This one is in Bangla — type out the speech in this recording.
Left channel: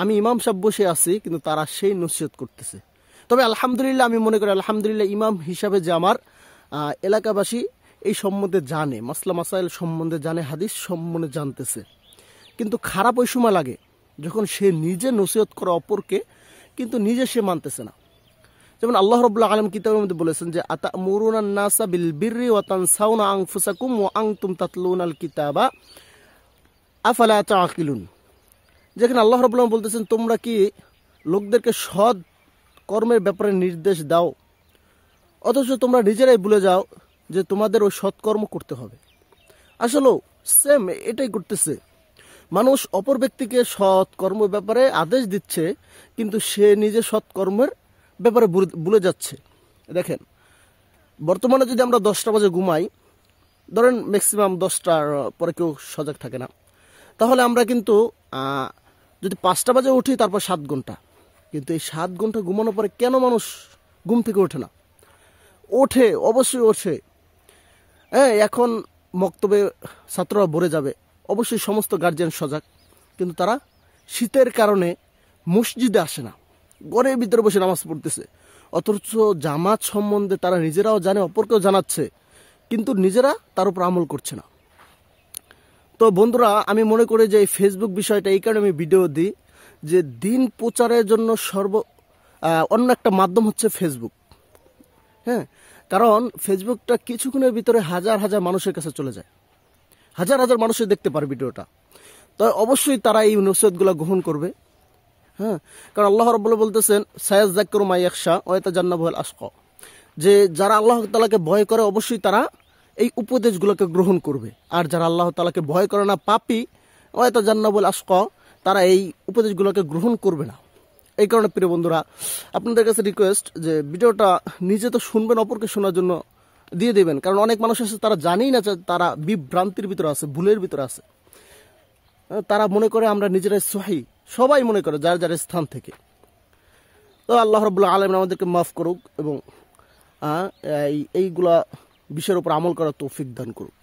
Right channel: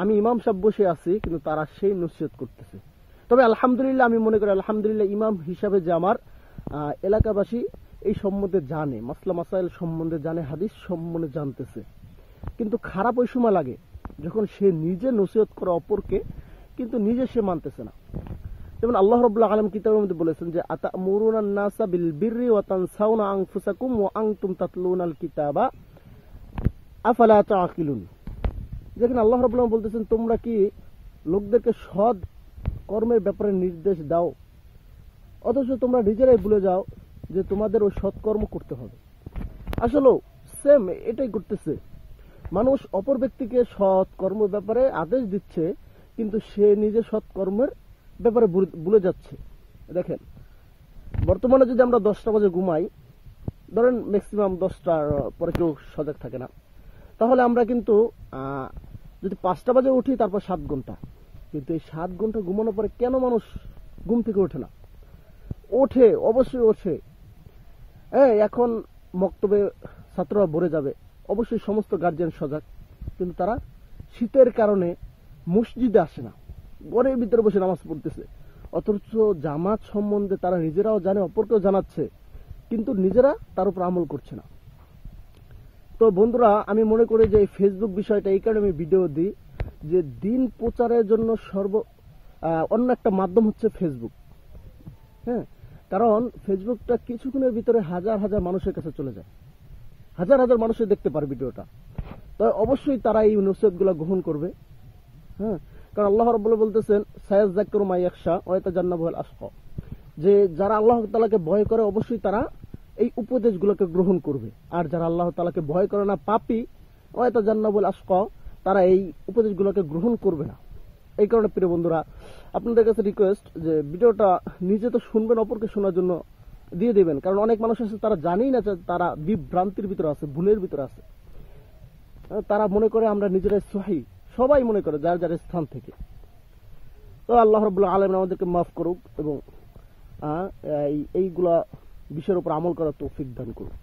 আমি ইমাম সাহেব বসে আছি, কিন্তু তারা সেই নসিহত করতেছে। তবে আলহামদুলিল্লাহ, আমি মনে করি আলহামদুলিল্লাহ ইমাম হিসাবে যে আমার এলাকাবাসী এই সম্বন্ধে জানে, মাসলা মাসাইল সম্বন্ধে জানে, হাদিস সম্বন্ধে জানতেছে। কিন্তু খারাপ ওই সময় লাগে যখন সে নিজে নসিহত করে অপরকে, কিন্তু নিজে সে মানতেছে না। যেমন আল্লাহ রাব্বুল আলামিন কিতাবের মধ্যে বলেছেন যে আতামুরুনান নাসা বিল বিররি ওয়া তানসাউনা আনফুসাকুম ওয়া আনতুম তাতলুনাল কিতাবা আফালা তাআকিলুন। যেখানে আল্লাহ রাব্বুল আলামিন বলতেছেন, তোমরা কি লোকদেরকে সৎ কর্মের ব্যাপারে নির্দেশ দাও, অথচ তোমরা নিজেরাই ভুলে যাও যে তোমাদের ওই সৎকর্ম করতে হবে। আসলে সেম এটাই করতেছে মানুষ, অপর ব্যক্তিকে সৎ কর্মের ব্যাপারে আদেশ দিচ্ছে, কিন্তু সে নিজে সৎকর্মের ব্যাপারে ভুলে যাচ্ছে। দেখেন, বর্তমানে যদি আমরা 10টা বাজে ঘুমাই, ধরেন ম্যাক্সিমাম 10টার পরে কেউ সজাগ থাকে না, তাহলে আমরা কিন্তু যদি 5টা বাজে উঠি, তারপর 7 ঘন্টা, কিন্তু এই 7 ঘন্টা ঘুমানোর পরে কেন মানুষ ঘুম থেকে ওঠে না? ওঠে, অবশ্যই ওঠে। হ্যাঁ, এখন মক্তবে ছাত্ররা ভরে যাবে, অবশ্যই সমস্ত গার্জিয়ান সজাগ, কিন্তু তারা শীতের কারণে মসজিদে আসে না, ঘরের ভিতরে বসে নামাজ পড়তেছে। অথচ জামাত সম্বন্ধে তারা নিজেরাও জানে, অপরকেও জানাচ্ছে, কিন্তু নিজেরা তার উপর আমল করছে না। তো বন্ধুরা, আমি মনে করি যে এই ফেসবুক বিষয়টা এই কারণে আমি ভিডিও দিই, যে দিন প্রচারের জন্য অন্য একটা মাধ্যম হচ্ছে ফেসবুক। হ্যাঁ, কারণ ফেসবুকটা কিছুক্ষণের ভিতরে হাজার হাজার মানুষের কাছে চলে যায়, হাজার হাজার মানুষের দেখতে পারে ভিডিওটা। তো অবশ্যই তারা এই নসিহতগুলো গ্রহণ করবে। হ্যাঁ, কারণ আল্লাহ রাব্বুল বলতেছেন, সায়াযাক্কারু মা ইয়াখশা ওয়া ইয়াতাজান্নাবুল আশকা, যে যারা আল্লাহ তাআলাকে ভয় করে অবশ্যই তারা এই উপদেশগুলোকে গ্রহণ করবে, আর যারা আল্লাহ তাআলাকে ভয় করে না, পাপী, ওয়া ইয়াতাজান্নাবুল আশকা, তারা এই উপদেশগুলোকে গ্রহণ করবে না। এই কারণে প্রিয় বন্ধুরা, আপনাদের কাছে রিকোয়েস্ট যে ভিডিওটা নিজে তো শুনবেন, অপরকে শোনার জন্য দিয়ে দেবেন। কারণ অনেক মানুষ আছে তারা জানেই না যে তারা বিভ্রান্তির ভিতরে আছে, ভুলের ভিতরে আছে। তারা মনে করে আমরা নিজেরাই সহি, সবাই মনে করে যার যার স্থান থেকে। তো আল্লাহ রাব্বুল আলামিন আমাদেরকে মাফ করুক এবং এইগুলা বিষয়ের উপর আমল করার তৌফিক দান করুক।